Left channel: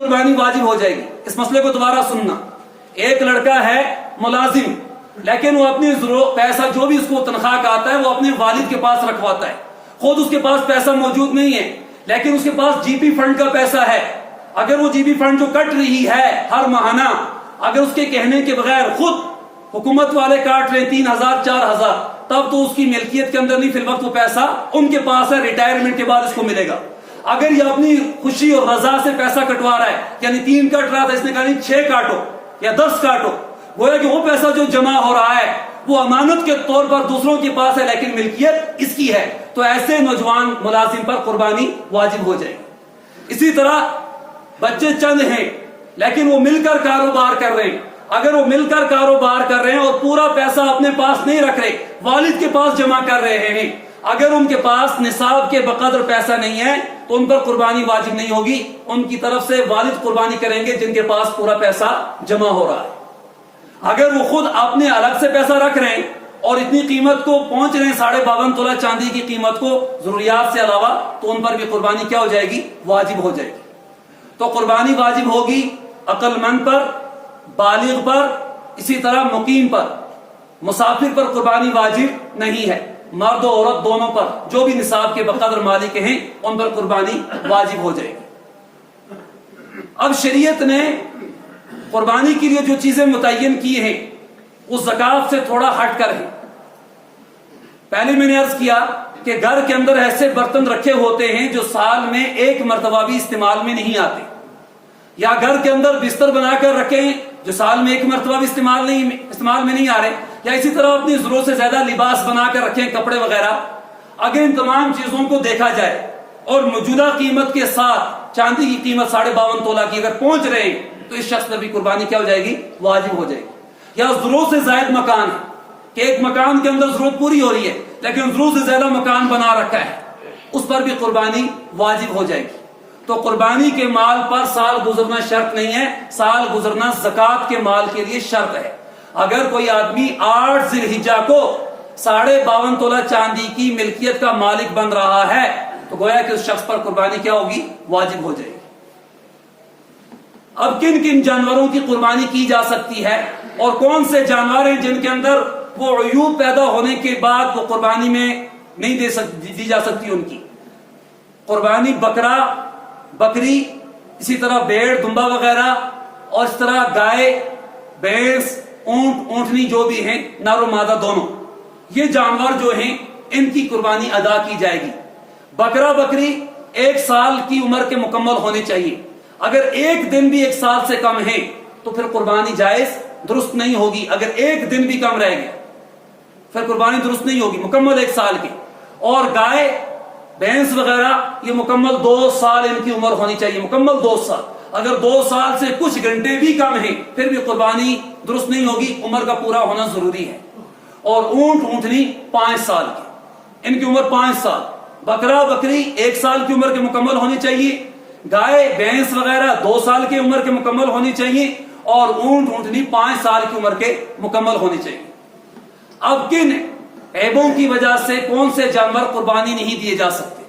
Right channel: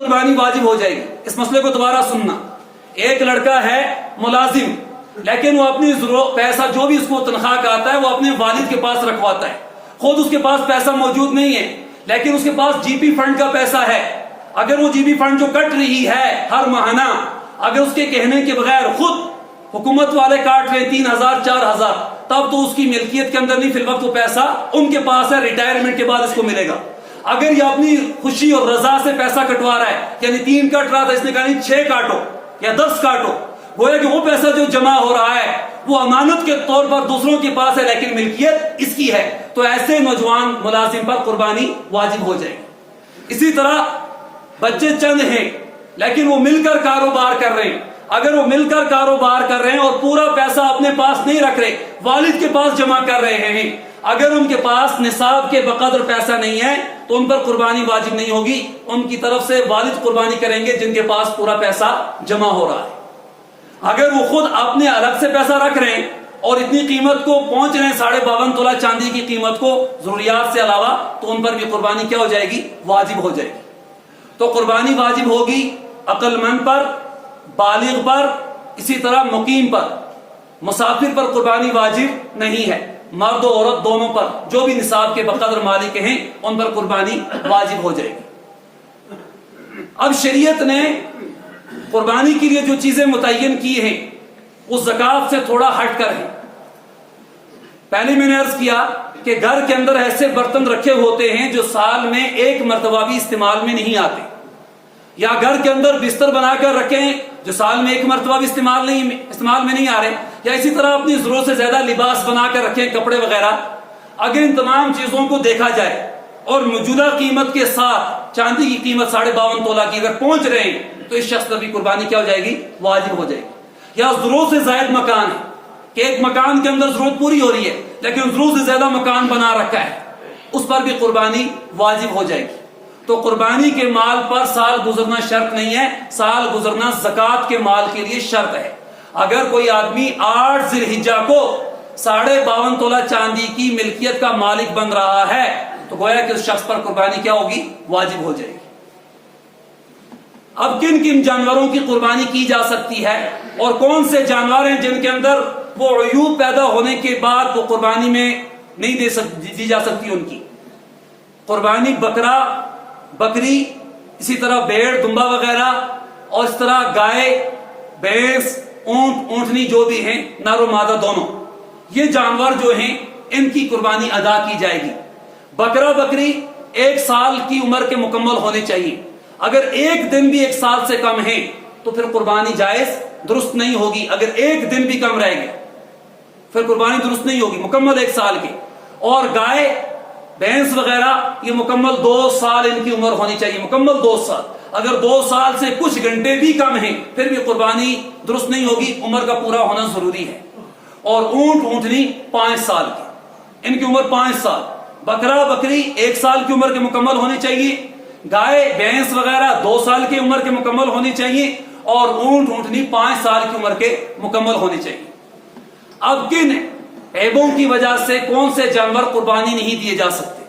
قربانی واجب ہو جائے گی. اس مسئلے کو دوبارہ سننا. ایک لڑکا ہے ملازم، لیکن وہ اپنی پیسہ جو بھی اس کو تنخواہ کا آتا ہے وہ اپنے والد کے پاس رکھواتا ہے. خود اس کے پاس پیسہ موجود نہیں ہے، لیکن اس کے پاس جی پی فنڈ کا پیسہ ہے. اگر وہ جی پی فنڈ جو کٹ رہی ہے ہر ماہانہ، اگر اس کے کہنے کے بغیر خود حکومت والے کاٹ رہے 3,000 4,000، تب تو اس کی ملکیت کے اندر نہیں، فی الوقت وہ پیسہ ان کے پاس ہے، ریٹائرمنٹ کے بعد اس کو ملے گا. اگر یہ اپنی خوشی اور رضا سے پیسہ کٹوا رہا ہے، یعنی 3 کٹ رہا تھا، اس نے کہا نہیں 6 کاٹو یا 10 کاٹو، گویا کہ وہ پیسہ جو جمع ہو رہا ہے وہ امانت کے طور پر دوسروں کے پاس ہے، لیکن ملکیت اس کی ہے. تو ایسے نوجوان ملازم پر قربانی واجب ہو جائے گی. اسی طرح بچے چند ہیں لیکن وہ مل کر کاروبار کر رہے ہیں. اگر وہ مل کر کاروبار کر رہے ہیں اور پورا پیسہ اپنے پاس نہیں رکھ رہے، والد کے پاس جمع کر رہے ہیں، اگر ان کے پاس نصاب کے بقدر پیسہ نہیں ہے تو ان پر قربانی واجب نہیں ہوگی. ان کی طرف سے والد قربانی کریں گے جن کے پاس پورا پیسہ جمع ہو رہا ہے. اگر وہ خود اپنے الگ سے پیسہ رکھ رہے ہیں اور اتنی قیمت کو پہنچ رہے ہیں 52.5 تولہ چاندی کی قیمت کو ضروریات سے علاوہ، تو ان پر بھی قربانی کیا ہو جائے گی؟ واجب ہو جائے گی. تو قربانی واجب ہوگی عقل مند پر، بالغ پر، اسی طرح مقیم پر. مسافر پر قربانی واجب نہیں ہے. مرد و عورت دونوں پر جو بھی نصاب کے بقدر مالک ہیں ان پر قربانی واجب ہو جائے گی. اب شریعت نے قربانی کے لیے جو چیزیں متعین کی ہیں اس زکات سے تھوڑا ہٹ کر ہیں. پہلے میں نے عرض کیا کہ گھر کے اندر ایسے برتن رکھے ہوتے ہیں جو سال میں ایک مرتبہ بھی استعمال میں نہیں آتے، یا گھر کے اندر بستر بنا کر رکھیں جو سال میں ایک مرتبہ بھی استعمال میں نہیں آ رہے، یا اسی طرح اپنی ضرورت سے زیادہ لباس بنا کر رکھیں، کپڑے وغیرہ. اگر ان تمام چیزوں کو دیکھا جائے اور موجودہ قیمت کے ساتھ چاندی کی قیمت 52.5 تولہ کی اگر پہنچ رہے ہیں تو اس شخص پر بھی قربانی کیا ہو جائے گی؟ واجب ہو جائے گی. یا ضرورت سے زائد مکان ہے کہ ایک مکان کے اندر ضرورت پوری ہو رہی ہے لیکن ضرورت سے زیادہ مکان بنا رکھا ہے، اس پر بھی قربانی واجب ہو جائے گی. تو قربانی کے مال پر سال گزرنا شرط نہیں ہے، سال گزرنا زکات کے مال کے لیے شرط ہے. اگر کوئی آدمی 8 ذی الحجہ کو 52.5 تولہ چاندی کی ملکیت کا مالک بن رہا ہے تو گویا کہ اس شخص پر قربانی کیا ہوگی؟ واجب ہو جائے گی. اب کن کن جانوروں کی قربانی کی جا سکتی ہے اور کون سے جانور ہیں جن کے اندر وہ عیوب پیدا ہونے کے بعد وہ قربانی میں نہیں دی جا سکتی؟ ان کی قربانی بکرا، بکری، اسی طرح بھیڑ، دمبا وغیرہ، اور اس طرح گائے، بھینس، اونٹ، اونٹنی جو بھی ہیں، نر و مادہ دونوں، یہ جانور جو ہیں ان کی قربانی ادا کی جائے گی. بکرا بکری 1 سال کی عمر کے مکمل ہونے چاہیے. اگر ایک دن بھی 1 سال سے کم ہے تو پھر قربانی جائز درست نہیں ہوگی. اگر ایک دن بھی کم رہے گا پھر قربانی درست نہیں ہوگی، مکمل 1 سال کی. اور گائے، بھینس وغیرہ یہ مکمل 2 سال ان کی عمر ہونی چاہیے، مکمل 2 سال. اگر 2 سال سے کچھ گھنٹے بھی کم ہیں پھر بھی قربانی درست نہیں ہوگی، عمر کا پورا ہونا ضروری ہے. اور اونٹ اونٹنی 5 سال کی، ان کی عمر 5 سال. بکرا بکری 1 سال کی عمر کے مکمل ہونی چاہیے. گائے بھینس وغیرہ 2 سال کی عمر کے مکمل ہونی چاہیے. اور اونٹ اونٹنی 5 سال کی عمر کے مکمل ہونی چاہیے. اب کن عیبوں کی وجہ سے کون سے جانور قربانی نہیں دیے جا سکتے؟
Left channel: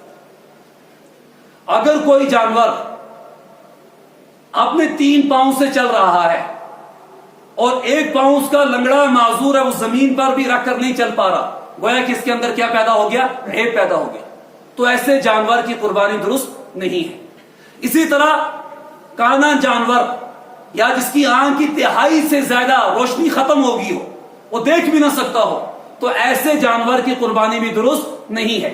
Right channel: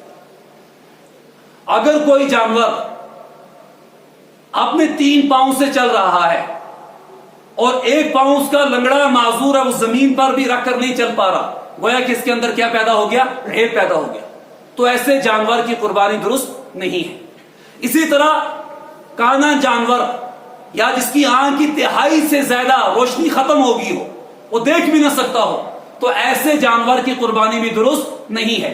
اگر کوئی جانور اپنے 3 پاؤں سے چل رہا ہے اور 1 پاؤں اس کا لنگڑا معذور ہے، وہ زمین پر بھی رکھ کر نہیں چل پا رہا، گویا کہ اس کے اندر کیا پیدا ہو گیا؟ عیب پیدا ہو گیا. تو ایسے جانور کی قربانی درست نہیں ہے. اسی طرح کانا جانور یا جس کی آنکھ کی تہائی سے زیادہ روشنی ختم ہو گئی ہو، وہ دیکھ بھی نہ سکتا ہو، تو ایسے جانور کی قربانی بھی درست نہیں ہے.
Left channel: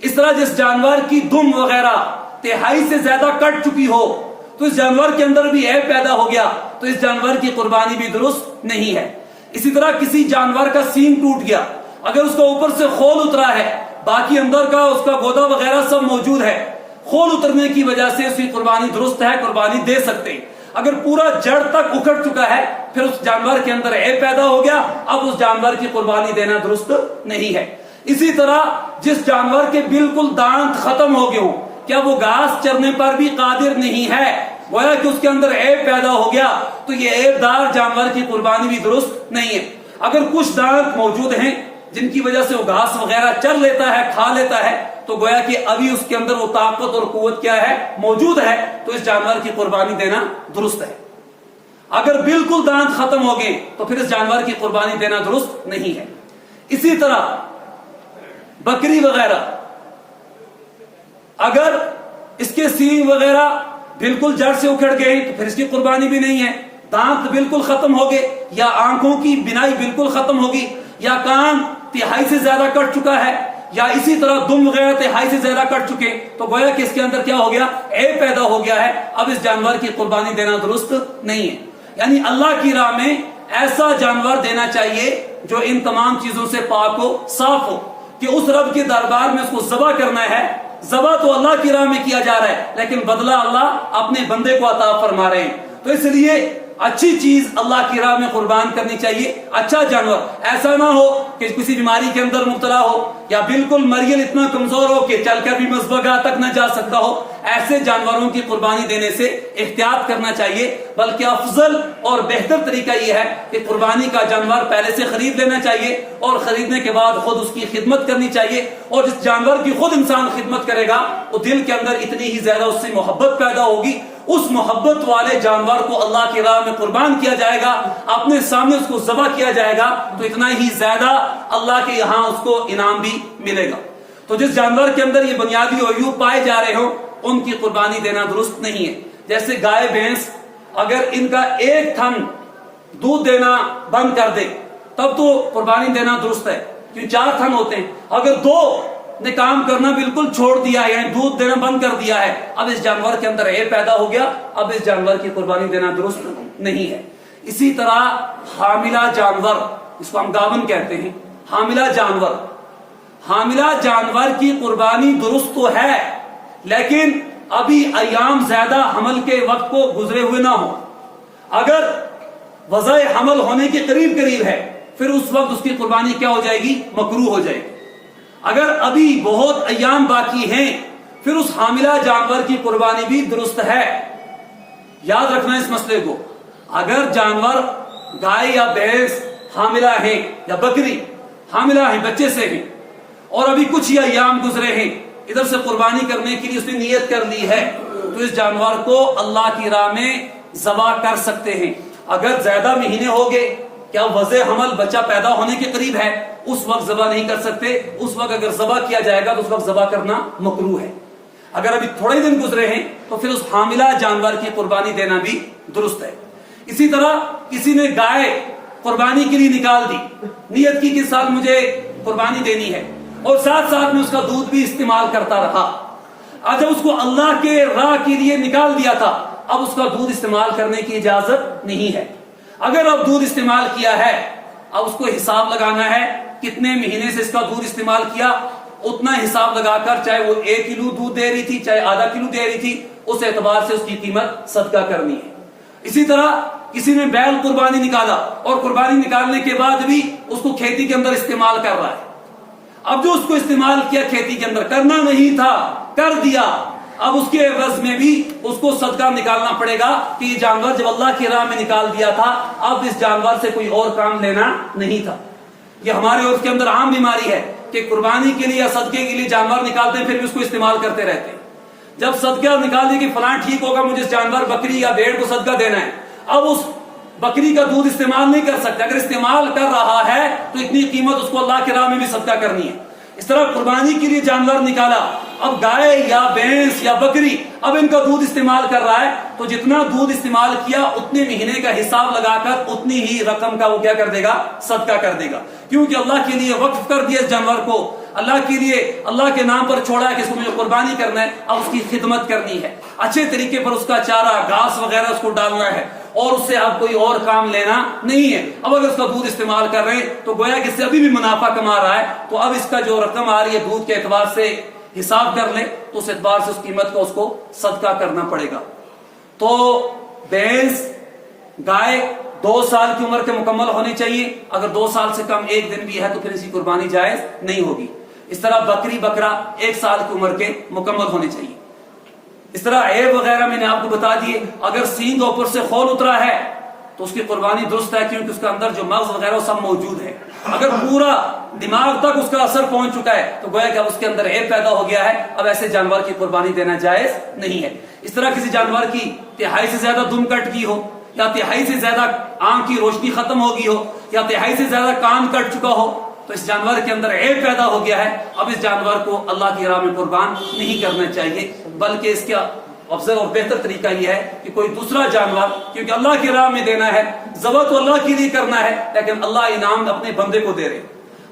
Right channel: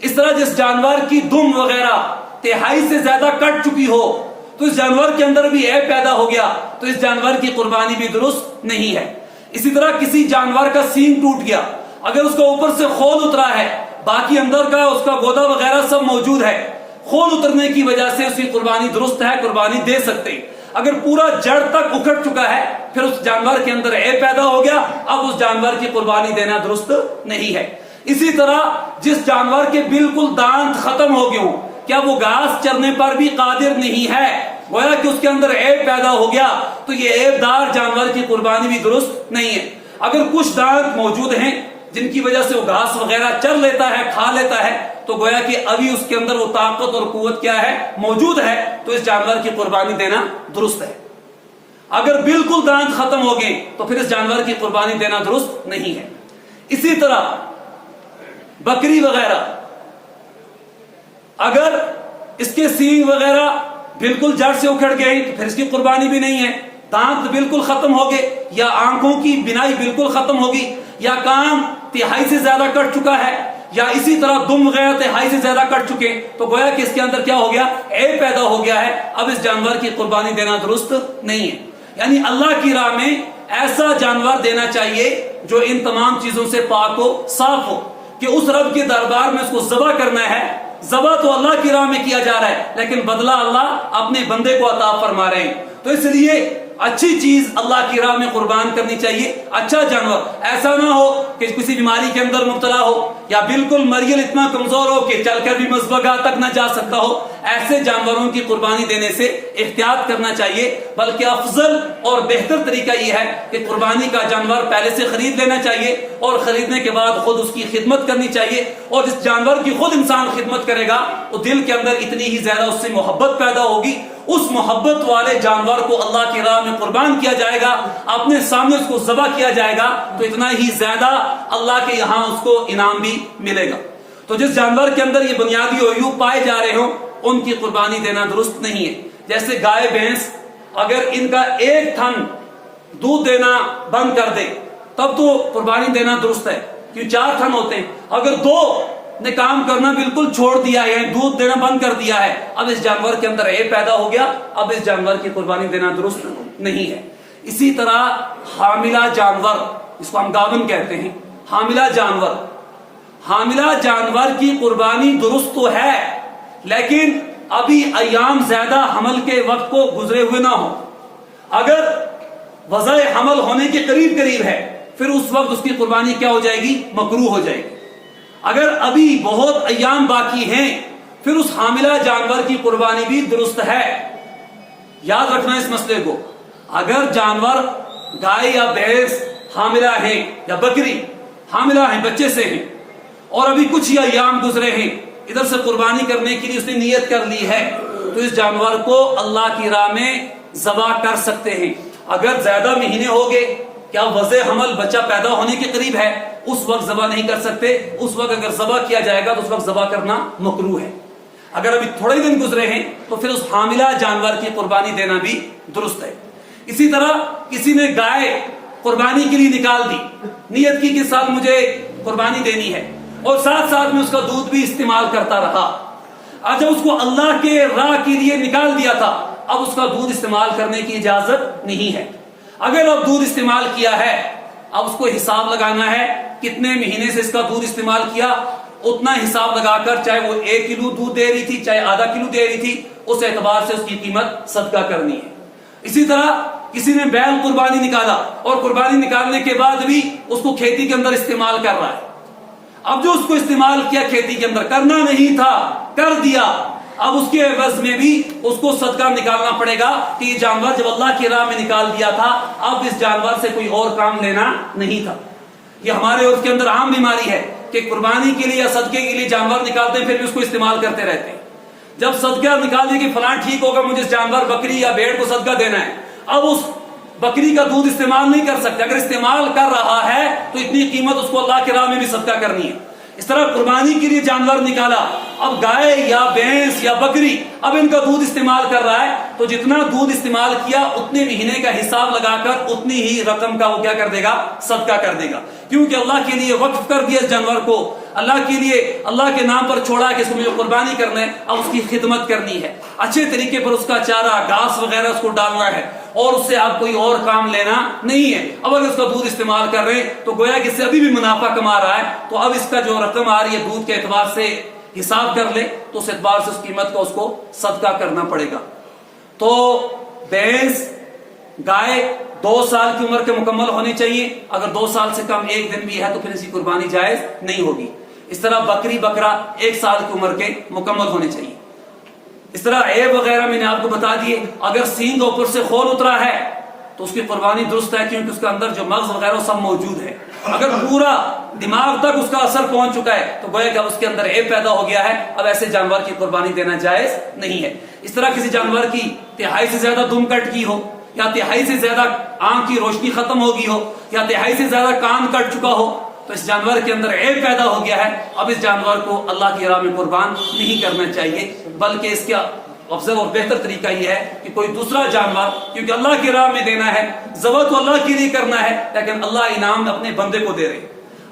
اس طرح جس جانور کی دم وغیرہ تہائی سے زیادہ کٹ چکی ہو تو اس جانور کے اندر بھی عیب پیدا ہو گیا، تو اس جانور کی قربانی بھی درست نہیں ہے. اسی طرح کسی جانور کا سینگ ٹوٹ گیا، اگر اس کا اوپر سے خول اترا ہے، باقی اندر کا اس کا گودا وغیرہ سب موجود ہے، خول اترنے کی وجہ سے اس کی قربانی درست ہے، قربانی دے سکتے ہیں. اگر پورا جڑ تک اکھڑ چکا ہے پھر اس جانور کے اندر عیب پیدا ہو گیا، اب اس جانور کی قربانی دینا درست نہیں ہے. اسی طرح جس جانور کے بالکل دانت ختم ہو گئے ہوں، کیا وہ گھاس چرنے پر بھی قادر نہیں ہے، گویا کہ اس کے اندر عیب پیدا ہو گیا، تو یہ عیب دار جانور کی قربانی بھی درست نہیں ہے. اگر کچھ دانت موجود ہیں جن کی وجہ سے وہ گھاس وغیرہ چر لیتا ہے، کھا لیتا ہے، تو گویا کہ ابھی اس کے اندر وہ طاقت اور قوت کیا ہے، موجود ہے، تو اس جانور کی قربانی دینا درست ہے۔ اگر بالکل دانت ختم ہو گئے تو پھر اس جانور کی قربانی دینا درست نہیں ہے۔ اسی طرح بکری وغیرہ، اگر اس کے سینگ وغیرہ بالکل جڑ سے اکھڑ گئے تو پھر اس کی قربانی بھی نہیں ہے۔ دانت بالکل ختم ہو گئے، یا آنکھوں کی بینائی بالکل ختم ہوگی، یا کان تہائی سے زیادہ کٹ چکا ہے، یا اسی طرح دم وغیرہ تہائی سے زیادہ کٹ چکے، تو گویا کہ اس کے اندر کیا ہو گیا، عیب پیدا ہو گیا ہے، اب اس جانور کی قربانی دینا درست نہیں ہے۔ یعنی اللہ کی راہ میں ایسا جانور دینا چاہیے جو ان تمام چیزوں سے پاک ہو، صاف ہو، کہ اس رب کے دربار میں اس کو ذبح کرنا ہے۔ ذبح تو اللہ کی راہ میں کیا جا رہا ہے، لیکن بدلہ اللہ اپنے بندے کو عطا فرما رہے ہیں، تو اس لیے اچھی چیز اللہ کی راہ میں قربان کرنی چاہیے، اچھا جانور۔ ایسا نہ ہو کہ کسی بیماری کے اندر مبتلا ہو، یا بالکل مریض اتنا کمزور ہو کہ چل کر بھی مذبحگاہ تک نہ جا سکتا ہو، ایسے جانوروں کی قربانی دینے سے احتیاط کرنا چاہیے۔ بلکہ افضل اور بہتر طریقہ یہ ہے کہ قربانی کا جانور پہلے سے خرید لینا چاہیے، اور خریدنے کے بعد خود اس کی خدمت کرنی چاہیے، اور جس جانور کی خود انسان خدمت کرے گا وہ دل کے اندر اتنی ہی زیادہ اس سے محبت پیدا ہوگی، اس محبت والے جانور کو اللہ کی راہ میں قربان کیا جائے گا، اپنے سامنے اس کو ذبح کیا جائے گا، تو اتنا ہی زیادہ اللہ کے یہاں اس کو انعام بھی ملے گا۔ تو جس جانور کے اندر یہ بنیادی عیوب پائے جا رہے ہوں ان کی قربانی دینا درست نہیں ہے۔ جیسے گائے بھینس، اگر ان کا ایک تھن دودھ دینا بند کر دے تب تو قربانی دینا درست ہے، کیونکہ 4 تھن ہوتے ہیں۔ اگر 2 نے کام کرنا بالکل چھوڑ دیا ہے، دودھ دینا بند کر دیا ہے، اب اس جانور کے اندر عیب پیدا ہو گیا، اب اس جانور کی قربانی دینا درست نہیں ہے۔ اسی طرح حاملہ جانور، اس کو ہم گاون کہتے ہیں، حاملہ جانور کی قربانی درست تو ہے، لیکن ابھی ایام زیادہ حمل کے وقت کو گزرے ہوئے نہ ہو۔ اگر وضع حمل ہونے کے قریب ہے پھر اس وقت اس کی قربانی کیا ہو جائے گی، مکروہ ہو جائے گی۔ اگر ابھی بہت ایام باقی ہیں پھر اس حاملہ جانور کی قربانی بھی درست ہے۔ یاد رکھنا اس مسئلے کو، اگر جانور گائے یا بھینس حاملہ ہیں یا بکری حاملہ ہیں، بچے سے ہیں، اور ابھی کچھ ہی ایام گزرے ہیں، ادھر سے قربانی کرنے کے لیے اس نے نیت کر لی ہے، تو اس جانور کو اللہ کی راہ میں ذبح کر سکتے ہیں۔ اگر زیادہ مہینے ہو گئے، کیا وضع حمل بچہ پیدا ہونے کے قریب ہے، اس وقت ذبح نہیں کر سکتے، اس وقت اگر ذبح کیا جائے گا تو اس وقت ذبح کرنا مکروہ ہے۔ اگر ابھی تھوڑے دن گزرے ہیں تو پھر اس حاملہ جانور کی قربانی دینا بھی درست ہے۔ اسی طرح کسی نے گائے قربانی کے لیے نکال دی، نیت کی کہ ساتھ مجھے قربانی دینی ہے، اور ساتھ ساتھ میں اس کا دودھ بھی استعمال کرتا رہا۔ آج جب اس کو اللہ کے راہ کے لیے نکال دیا تھا، اب اس کا دودھ استعمال کرنے کی اجازت نہیں ہے۔ اگر اب دودھ استعمال کیا ہے، اب اس کو حساب لگانا ہے کتنے مہینے سے اس کا دودھ استعمال کیا، اتنا حساب لگا کر، چاہے وہ 1 کلو دودھ دے رہی تھی چاہے آدھا کلو دے رہی تھی، اس اعتبار سے اس کی قیمت صدقہ کرنی ہے۔ اسی طرح کسی نے بیل قربانی نکالا اور قربانی نکالنے کے بعد بھی اس کو کھیتی کے اندر استعمال کر رہا ہے، اب جو اس کو استعمال کیا کھیتی کے اندر، کرنا نہیں تھا کر دیا، اب اس کے عوض میں بھی اس کو صدقہ نکالنا پڑے گا کہ یہ جانور جب اللہ کی راہ میں نکال دیا تھا، اب اس جانور سے کوئی اور کام لینا نہیں تھا۔ یہ ہمارے عرف کے اندر عام بیماری ہے کہ قربانی کے لیے یا صدقے کے لیے جانور نکالتے ہیں پھر بھی اس کو استعمال کرتے رہتے ہیں۔ جب صدقہ نکال دیں کہ فلاں ٹھیک ہوگا، مجھے اس جانور بکری یا بھیڑ کو صدقہ دینا ہے، اب اس بکری کا دودھ استعمال نہیں کر سکتے، اگر استعمال کر رہا ہے تو اتنی قیمت اس کو اللہ کی راہ میں بھی صدقہ کرنی ہے۔ اس طرح قربانی کے لیے جانور نکالا، اب گائے یا بھینس یا بکری اب ان کا دودھ استعمال کر رہا ہے، تو جتنا دودھ استعمال کیا اتنے مہینے کا حساب لگا کر اتنی ہی رقم کا وہ کیا کر دے گا، صدقہ کر دے گا، کیونکہ اللہ کے لیے وقف کر دیا اس جانور کو، اللہ کے لیے اللہ کے نام پر چھوڑا ہے کہ اس کو مجھے قربانی کرنا ہے، اب اس کی خدمت کرنی ہے، اچھے طریقے پر اس کا چارہ گھاس وغیرہ اس کو ڈالنا ہے، اور اس سے اب کوئی اور کام لینا نہیں ہے۔ اب اگر اس کا دودھ استعمال کر رہے ہیں تو گویا کہ اس سے ابھی بھی منافع کما رہا ہے، تو اب اس کا جو رقم آ رہی ہے دودھ کے اعتبار سے حساب کر لے تو اس اعتبار سے اس قیمت کا اس کو صدقہ کرنا پڑے گا۔ تو بھینس گائے 2 سال کی عمر کے مکمل ہونی چاہیے، اگر 2 سال سے کم 1 دن بھی ہے تو پھر اس کی قربانی جائز نہیں ہوگی۔ اس طرح بکری بکرا 1 سال کی عمر کے مکمل ہونے چاہیے۔ اس طرح عیب وغیرہ میں نے آپ کو بتا دیے، اگر سینگ اوپر سے خول اترا ہے تو اس کی قربانی درست ہے، کیونکہ اس کے اندر جو مغز وغیرہ سب موجود ہے۔ اگر پورا دماغ تک اس کا اثر پہنچ چکا ہے تو گویا کہ اب اس کے اندر عیب پیدا ہو گیا ہے، اب ایسے جانور کی قربانی دینا جائز نہیں ہے۔ اس طرح کسی جانور کی تہائی سے زیادہ دم کٹ کی ہو، یا تہائی سے زیادہ آنکھ کی روشنی ختم ہو گئی ہو، یا تہائی سے زیادہ کان کٹ چکا ہو، تو اس جانور کے اندر عیب پیدا ہو گیا ہے، اب اس جانور کو اللہ کی راہ میں قربان نہیں کرنا چاہیے، بلکہ اس کا افضل اور بہتر طریقہ یہ ہے کہ کوئی دوسرا جانور، کیونکہ اللہ کی راہ میں دینا ہے، ذبح تو اللہ کے لیے کرنا ہے، لیکن اللہ انعام اپنے بندے کو دے رہے۔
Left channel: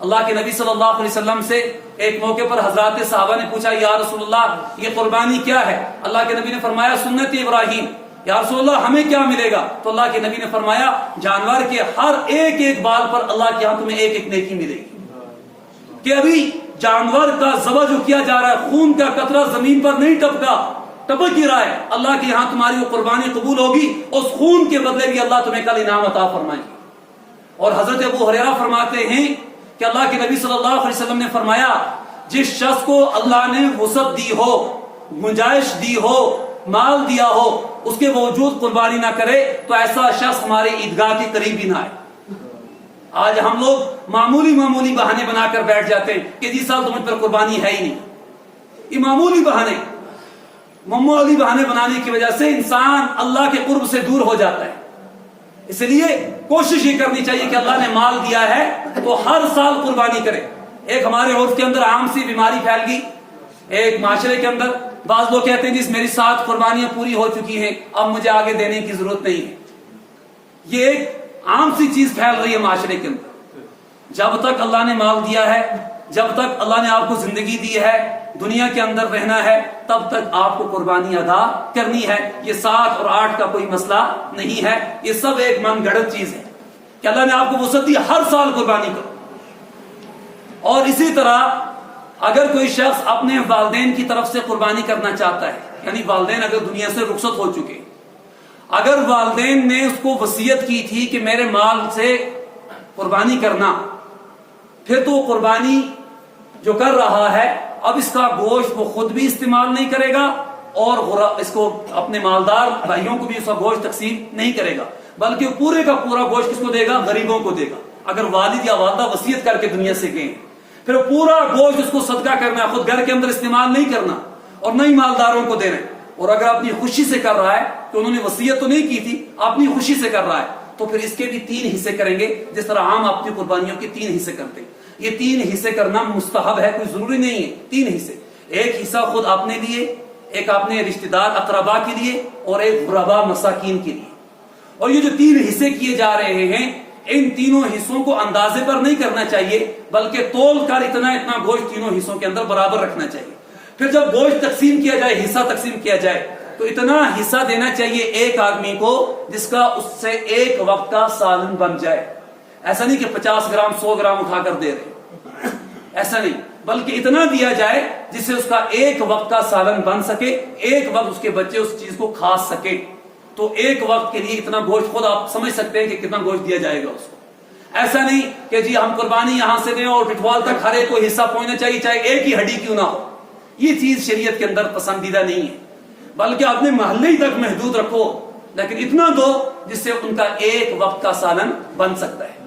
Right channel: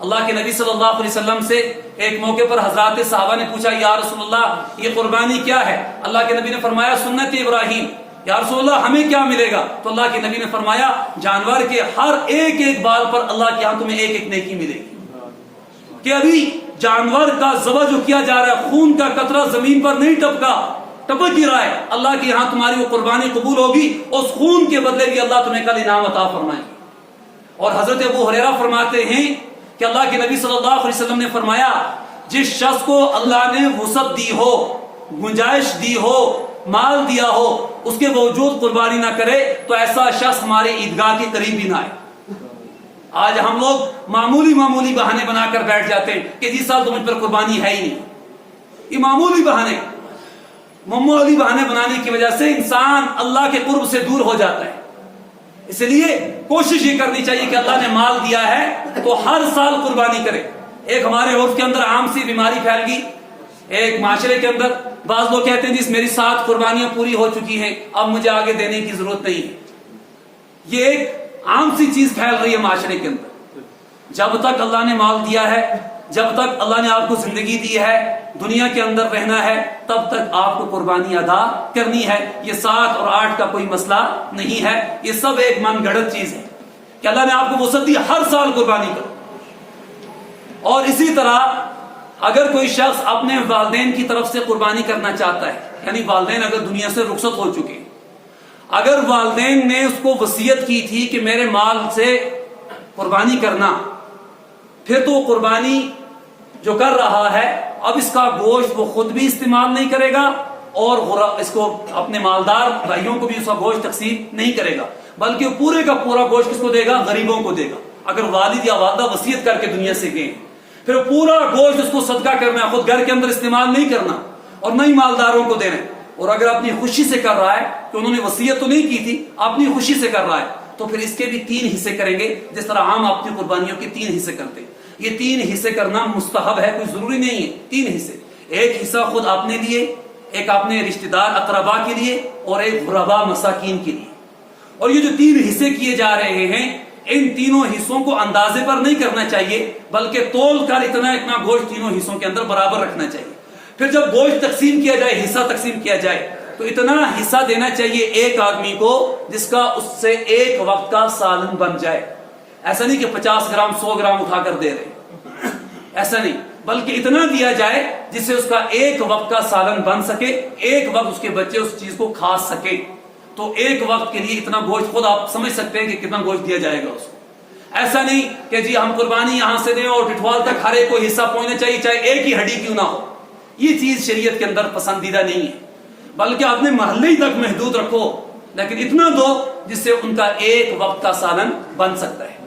اللہ کے نبی صلی اللہ علیہ وسلم سے ایک موقع پر حضرات صحابہ نے پوچھا، یا رسول اللہ یہ قربانی کیا ہے؟ اللہ کے نبی نے فرمایا سنت ابراہیم۔ یا رسول اللہ ہمیں کیا ملے گا؟ تو اللہ کے نبی نے فرمایا جانور کے ہر ایک بال پر اللہ کے ہاں تمہیں ایک نیکی ملے گی۔ کہ ابھی جانور کا ذبح جو کیا جا رہا ہے، خون کا قطرہ زمین پر نہیں ٹپک ہی رہا ہے، اللہ کے ہاں تمہاری وہ قربانی قبول ہوگی، اس خون کے بدلے بھی اللہ تمہیں کل انعام عطا فرمائے گی۔ اور حضرت ابو ہریرہ فرماتے ہیں کہ اللہ کے نبی صلی اللہ علیہ وسلم نے فرمایا جس شخص کو اللہ نے وسعت دی ہو، گنجائش دی ہو، مال دیا ہو، اس کے باوجود قربانی نہ کرے تو ایسا شخص ہمارے عیدگاہ کے قریب ہی نہ آئے۔ آج ہم لوگ معمولی بہانے بنا کر بیٹھ جاتے ہیں کہ جس سال تو مجھ پر قربانی ہے ہی نہیں۔ یہ معمولی بہانے بنانے کی وجہ سے انسان اللہ کے قرب سے دور ہو جاتا ہے۔ اس لیے کوشش یہ کرنی چاہیے کہ اللہ نے مال دیا ہے تو ہر سال قربانی کرے۔ ایک ہمارے عرف کے اندر عام سی بیماری پھیل گئی، ایک معاشرے کے اندر بعض لوگ کہتے ہیں جس میری 7 قربانیاں پوری ہو چکی ہیں، اب مجھے آگے دینے کی ضرورت نہیں ہے۔ یہ ایک عام سی چیز پھیل رہی ہے معاشرے کے اندر۔ جب تک اللہ نے مال دیا ہے، جب تک اللہ نے آپ کو زندگی دی ہے، دنیا کے اندر رہنا ہے، تب تک آپ کو قربانی ادا کرنی ہے۔ یہ 7 اور 8 کا کوئی مسئلہ نہیں ہے، یہ سب ایک من گھڑت چیز ہے کہ اللہ نے آپ کو وسعت دی، ہر سال قربانی کرو۔ اور اسی طرح اگر کوئی شخص اپنے والدین کی طرف سے قربانی کرنا چاہتا ہے، یعنی والدین اگر دنیا سے رخصت ہو چکے، اگر والدین نے اس کو وصیت کی تھی کہ میرے مال سے قربانی کرنا، پھر تو قربانی جو کر رہا ہے اب اس کا گوشت وہ خود بھی استعمال نہیں کرے گا اور اس کو اپنے مالدار بھائیوں کو بھی اس کا گوشت تقسیم نہیں کرے گا، بلکہ پورے کا پورا گوشت کس کو دے گا؟ غریبوں کو دے گا۔ اگر والد یا والدہ وصیت کر کے دنیا سے گئے پھر پورا گوشت اس کو صدقہ کرنا ہے، خود گھر کے اندر استعمال نہیں کرنا اور نہ ہی مالداروں کو دینا۔ اور اگر اپنی خوشی سے کر رہا ہے کہ انہوں نے وصیت تو نہیں کی تھی، اپنی خوشی سے کر رہا ہے، تو پھر اس کے بھی 3 حصے کریں گے، جس طرح عام اپنی قربانیوں کے 3 حصے کرتے ہیں۔ یہ 3 حصے کرنا مستحب ہے، کوئی ضروری نہیں ہے۔ 3 حصے، ایک حصہ خود اپنے لیے، ایک اپنے رشتہ دار اقربا کے لیے، اور ایک غربا مساکین کے لیے۔ اور یہ جو 3 حصے کیے جا رہے ہیں، ان تینوں حصوں کو اندازے پر نہیں کرنا چاہیے، بلکہ تول کر اتنا گوشت تینوں حصوں کے اندر برابر رکھنا چاہیے۔ پھر جب گوشت تقسیم کیا جائے، حصہ تقسیم کیا جائے، تو اتنا حصہ دینا چاہیے ایک آدمی کو جس کا اس سے ایک وقت کا سالن بن جائے۔ ایسا نہیں کہ 50 گرام 100 گرام اٹھا کر دے رہے، ایسا نہیں، بلکہ اتنا دیا جائے جس سے اس کا ایک وقت کا سالن بن سکے، ایک وقت اس کے بچے اس چیز کو کھا سکے۔ تو ایک وقت کے لیے اتنا گوشت، خود آپ سمجھ سکتے ہیں کہ کتنا گوشت دیا جائے گا اس کو۔ ایسا نہیں کہ جی ہم قربانی یہاں سے دیں اور ٹٹوال تک ہر ایک کو حصہ پہنچنا چاہیے، چاہے ایک ہی ہڈی کیوں نہ ہو۔ یہ چیز شریعت کے اندر پسندیدہ نہیں ہے، بلکہ اپنے محلے ہی تک محدود رکھو، لیکن اتنا دو جس سے ان کا ایک وقت کا سالن بن سکتا ہے۔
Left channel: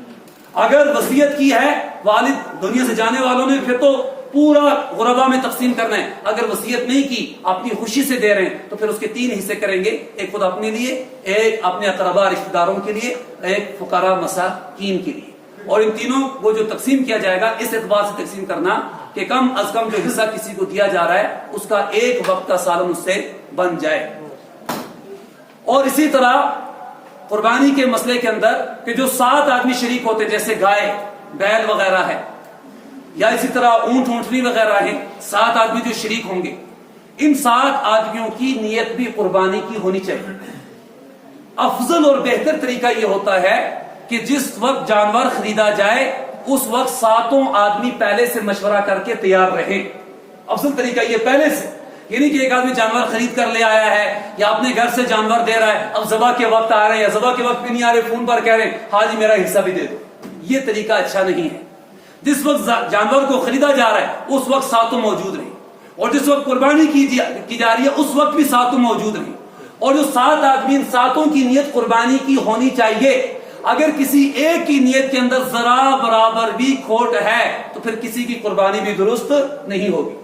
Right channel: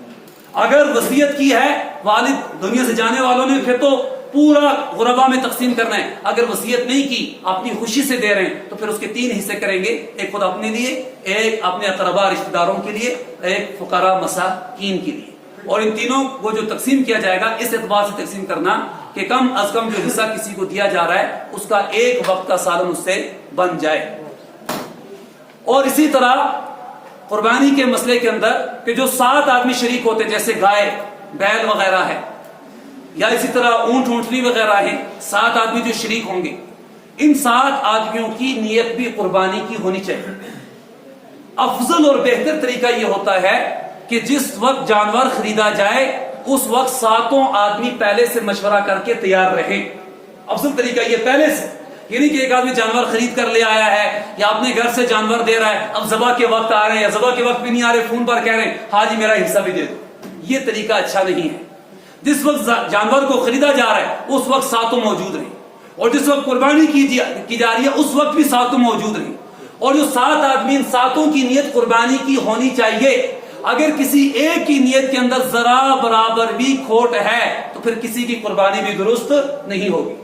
اگر وصیت کی ہے والد دنیا سے جانے والوں نے، پھر تو پورا غربا میں تقسیم کرنا ہے۔ اگر وصیت نہیں کی، اپنی خوشی سے دے رہے ہیں، تو پھر اس کے 3 حصے کریں گے، ایک خود اپنے لیے، ایک اپنے اقربا رشتہ داروں کے لیے، ایک فقراء مساکین کے لیے۔ اور ان تینوں کو جو تقسیم کیا جائے گا، اس اعتبار سے تقسیم کرنا کہ کم از کم جو حصہ کسی کو دیا جا رہا ہے اس کا ایک وقت کا سالن اس سے بن جائے۔ اور اسی طرح قربانی کے مسئلے کے اندر کہ جو 7 آدمی شریک ہوتے ہیں، جیسے گائے، بیل وغیرہ ہے، یا اسی طرح اونٹ اونٹنی وغیرہ ہیں، 7 آدمی جو شریک ہوں گے، ان 7 آدمیوں کی نیت بھی قربانی کی ہونی چاہیے۔ افضل اور بہتر طریقہ یہ ہوتا ہے کہ جس وقت جانور خریدا جائے اس وقت 7 آدمی پہلے سے مشورہ کر کے تیار رہے۔ افضل طریقہ یہ پہلے سے، یعنی کہ ایک آدمی جانور خرید کر لے آیا ہے یا اپنے گھر سے جانور دے رہا ہے، اب ذبح کے وقت آ رہے ہیں یا ذبح کے وقت بھی نہیں آ رہے، فون پر کہہ رہے ہیں ہاں جی میرا حصہ بھی دے دو۔ یہ طریقہ اچھا نہیں ہے۔ جس وقت جانور کو خریدا جا رہا ہے اس وقت 7 موجود رہے، اور جس وقت قربانی کی جا رہی ہے اس وقت بھی 7 موجود رہے۔ اور جو 7 آدمی ان 7 کی نیت قربانی کی ہونی چاہیے. اگر کسی ایک کی نیت کے اندر ذرا برابر بھی کھوٹ ہے تو پھر کسی کی قربانی بھی درست نہیں ہوگی.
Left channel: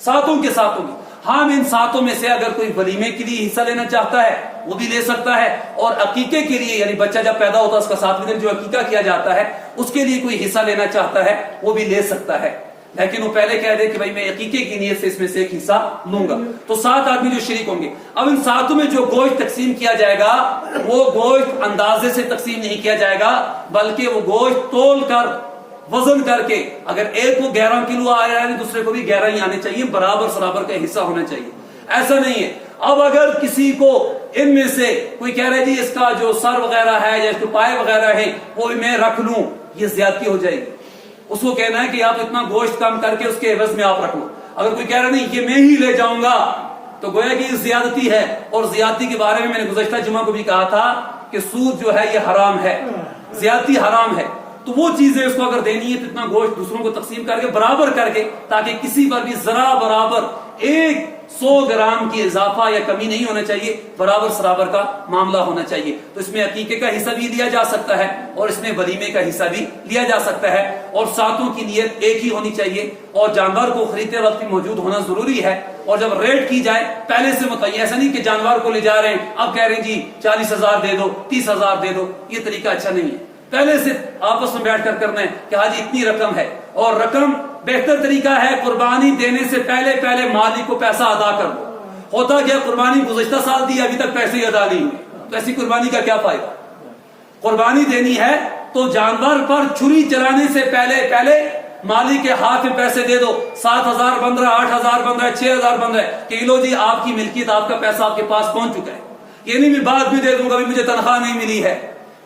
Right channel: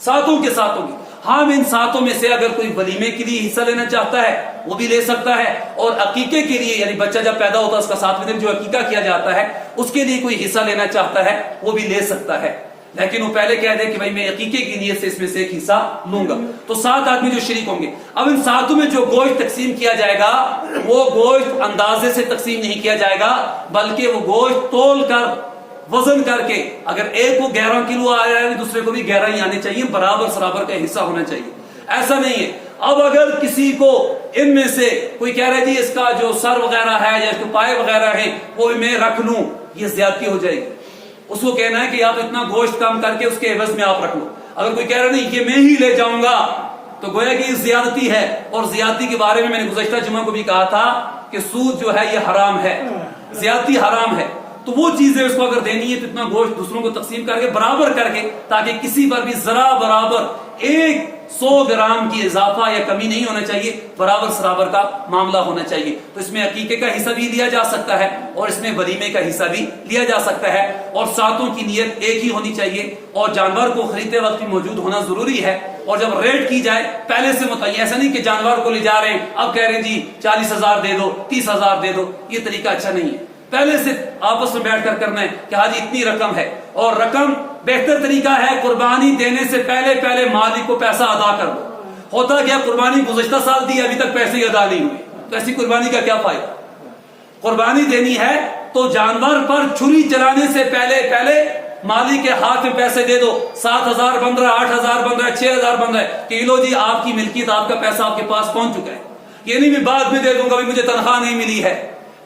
7 کے 7 کی. ہاں ان 7 میں سے اگر کوئی ولیمے کے لیے حصہ لینا چاہتا ہے وہ بھی لے سکتا ہے, اور عقیقے کے لیے یعنی بچہ جب پیدا ہوتا ہے اس کا 7ویں دن جو عقیقہ کیا جاتا ہے اس کے لیے کوئی حصہ لینا چاہتا ہے وہ بھی لے سکتا ہے. لیکن وہ پہلے کہہ دے کہ بھائی میں عقیقے کی نیت سے اس میں سے ایک حصہ لوں گا. تو 7 آدمی جو شریک ہوں گے. اب ان 7 میں جو گوشت تقسیم کیا جائے گا وہ گوشت اندازے سے تقسیم نہیں کیا جائے گا, بلکہ وہ گوشت تول کر وزن کر کے, اگر ایک کو 11 کلو آیا ہے دوسرے کو بھی 11 ہی آنے چاہیے, برابر کا حصہ ہونا چاہیے. ایسا نہیں ہے. اب اگر کسی کو ان میں سے کوئی کہہ رہے جی اس کا جو سر وغیرہ ہے یا جو پائے وغیرہ ہیں وہ میں رکھ لوں, یہ زیادتی ہو جائے گی. اس کو کہنا ہے کہ آپ اتنا گوشت کم کر کے اس کے عوض میں آپ رکھ لو. اگر کوئی کہہ رہا نہیں یہ میں ہی لے جاؤں گا تو گویا کہ یہ زیادتی ہے. اور زیادتی کے بارے میں نے گزشتہ جمعہ کو بھی کہا تھا کہ سود جو ہے یہ حرام ہے, زیادتی حرام ہے. تو وہ چیزیں اس کو اگر دینی ہے تو اتنا گوشت دوسروں کو تقسیم کر کے برابر کر کے, تاکہ کسی پر بھی ذرا برابر 100 گرام کی اضافہ یا کمی نہیں ہونا چاہیے, برابر کا معاملہ ہونا چاہیے. تو اس میں عقیقے کا حصہ بھی لیا جا سکتا ہے اور اس میں ولیمے کا حصہ بھی لیا جا سکتا ہے, اور 7 کی نیت ایک ہی ہونی چاہیے, اور جانور کو خریدتے وقت موجود ہونا ضروری ہے. اور جب ریٹ کی جائے پہلے سے متعین, ایسا نہیں کہ جانور کو لے جا رہے ہیں اب کہہ رہے ہیں جی 40,000 دے دو 30,000 دے دو, یہ طریقہ اچھا نہیں ہے. پہلے سے آپس میں بیٹھ کر کرنا ہے کہ آج اتنی رقم ہے, اور رقم بہتر طریقہ ہے قربانی دینے سے پہلے مالک کو پیسہ ادا کر دو. ہوتا کیا قربانی گزشتہ سال دی ابھی تک پیسے ہی ادا نہیں ہوئے, تو ایسی قربانی کا کیا فائدہ. قربانی دینی ہے تو جانور پر چھری چلانے سے پہلے مالک کے ہاتھ میں پیسے دے دو. 7,000 بن رہا ہے, 8,000 بن رہا ہے, 6,000 بن رہا ہے کہ لو جی آپ کی ملکیت, آپ کا پیسہ آپ کے پاس پہنچ چکا ہے. یہ نہیں میں بعد میں دے دوں گا, مجھے تنخواہ نہیں ملی ہے,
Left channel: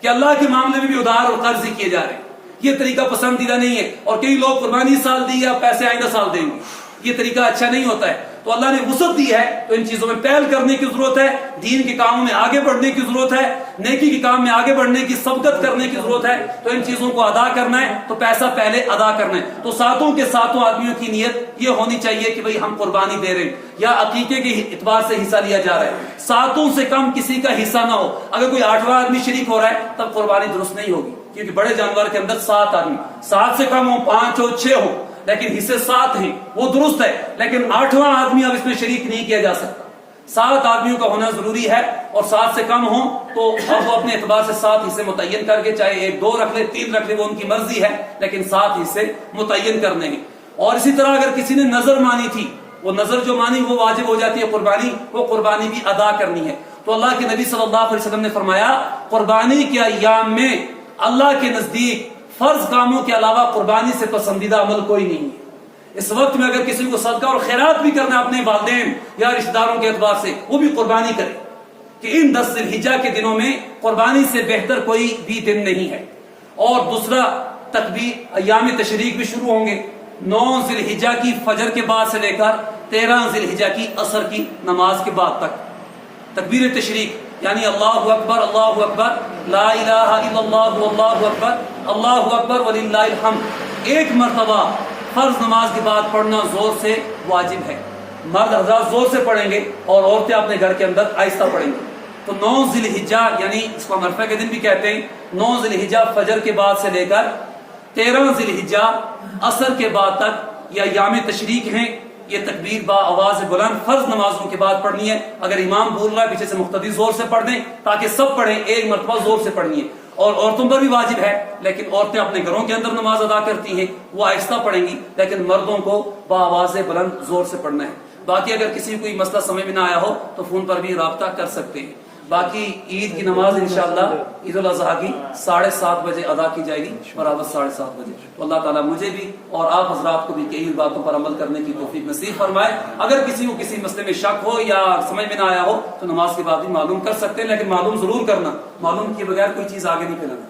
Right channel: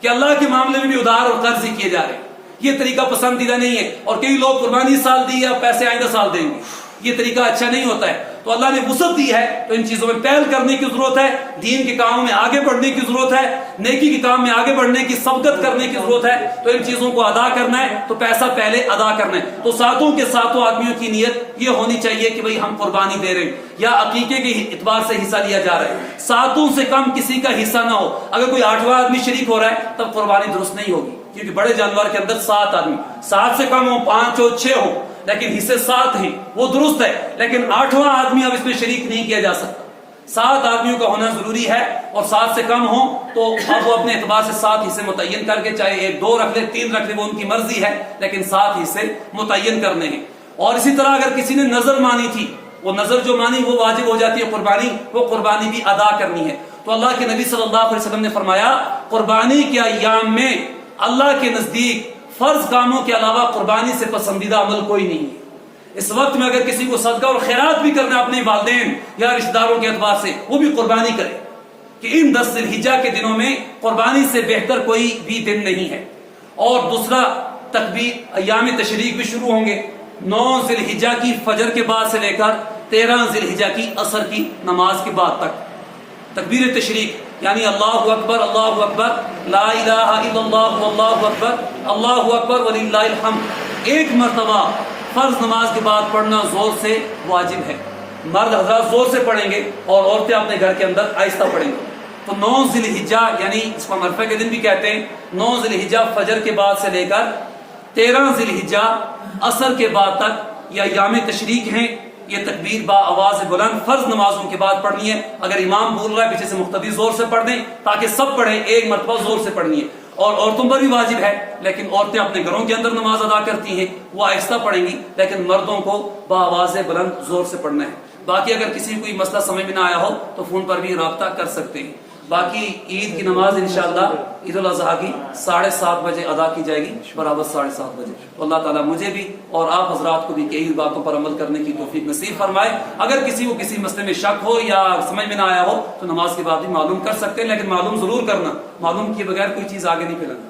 کہ اللہ کے معاملے میں بھی ادھار اور قرض ہی کیے جا رہے ہیں. یہ طریقہ پسندیدہ نہیں ہے. اور کئی لوگ قربانی سال دی یا پیسے آئندہ سال دیں گے, یہ طریقہ اچھا نہیں ہوتا ہے. تو اللہ نے وسعت دی ہے تو ان چیزوں میں پہل کرنے کی ضرورت ہے, دین کے کاموں میں آگے بڑھنے کی ضرورت ہے, نیکی کے کام میں آگے بڑھنے کی سبقت کرنے کی ضرورت ہے. تو ان چیزوں کو ادا کرنا ہے تو پیسہ پہلے ادا کرنا ہے. تو 7 کے 7 آدمیوں کی نیت یہ ہونی چاہیے کہ بھئی ہم قربانی دے رہے ہیں یا عقیقے کے اعتبار سے حصہ لیا جا رہا ہے. 7 سے کم کسی کا حصہ نہ ہو. اگر کوئی 8واں آدمی شریک ہو رہا ہے تب قربانی درست نہیں ہوگی, کیونکہ بڑے جانور کے اندر 7 آدمی, 7 سے کم ہو 5 ہو 6 ہو لیکن حصے 7 ہیں وہ درست ہے, لیکن 8واں آدمی اب اس میں شریک نہیں کیا جا سکتا. 7 آدمیوں کا ہونا ضروری ہے, اور 7 سے کم ہو تو اب وہ اپنے اعتبار سے 7 حصے متعین کر کے, چاہے 1 2 رکھ لے 3 رکھ لے, وہ ان کی مرضی ہے, لیکن 7 حصے متعین کرنے ہیں. اور اسی طرح اگر کسی نے نظر مانی تھی, وہ نظر جو مانی وہ واجب ہو جاتی ہے قربانی, وہ قربانی بھی ادا کرنی ہے. تو اللہ کے نبی صلی اللہ علیہ وسلم نے فرمایا قربانی کے ایام میں اللہ کے نزدیک فرض کاموں کے علاوہ قربانی سے پسندیدہ عمل کوئی نہیں ہے. اس وقت میں اگر کسی کو صدقہ اور خیرات بھی کرنا اپنے والدین یا رشتہ داروں کے اعتبار سے, وہ بھی قربانی کرے, کہ ان 10 ذی الحجہ کے دنوں میں قربانی سے بہتر کوئی بھی دن نہیں ہے. اور دوسرا تکبیر ایام تشریق بھی شروع ہوں گے 9 ذی الحجہ کی فجر کے بعد سے لے کر 13 ذی الحجہ کی عصر کی نماز کے بعد تک. تکبیر تشریق یعنی اللہ اکبر لا الہ الا اللہ واللہ اکبر وللہ الحمد 1 مرتبہ فرض نماز کے بعد پڑھنا زور سے واجب ہے. مرد حضرات زور سے پڑھیں گے اور عورتیں اپنے گھر کے اندر آہستہ پڑھیں گے. تو 9 ذی الحجہ یعنی اس کو عرفہ کے دن بھی کہتے ہیں, 9 ذی الحجہ فجر کے بعد سے لے کر 13 ذی الحجہ عصر کے بعد تک یہ ایام تشریق ہیں. یہ تکبیر با آواز بلند فرض نمازوں کے بعد پڑھنی ہے. اگر امام بول رہا ہے پیچھے سے مقتدی زور سے پڑھ دیں تاکہ سب پڑھیں, 1 مرتبہ زور سے پڑھنی ہے. اور عورتوں پر بھی واجب ہے, لیکن عورتیں اپنے گھروں کے اندر نماز ادا کرتی ہیں, وہ آہستہ پڑھیں گی, لیکن مردوں کو با آواز بلند زور سے پڑھنا ہے. باقی اگر کسی کو کوئی مسئلہ سمجھ میں نہ آیا ہو تو فون پر بھی رابطہ کر سکتے ہیں. باقی عید کی نماز انشاءاللہ عید الاضحیٰ کی 7:30 بجے ادا کی جائے گی, برابر 7:30 بجے. اللہ تعالیٰ مجھے بھی اور آپ حضرات کو بھی کئی باتوں پر عمل کرنے کی توفیق نصیب فرمائے. اگر کسی کو کسی مسئلے میں شک ہو یا سمجھ میں نہ آیا ہو تو نماز کے بعد بھی معلوم کر سکتے ہیں, لیکن معلوم ضرور کرنا, معلوم کیے بغیر کوئی چیز آگے نہیں پھیلانا.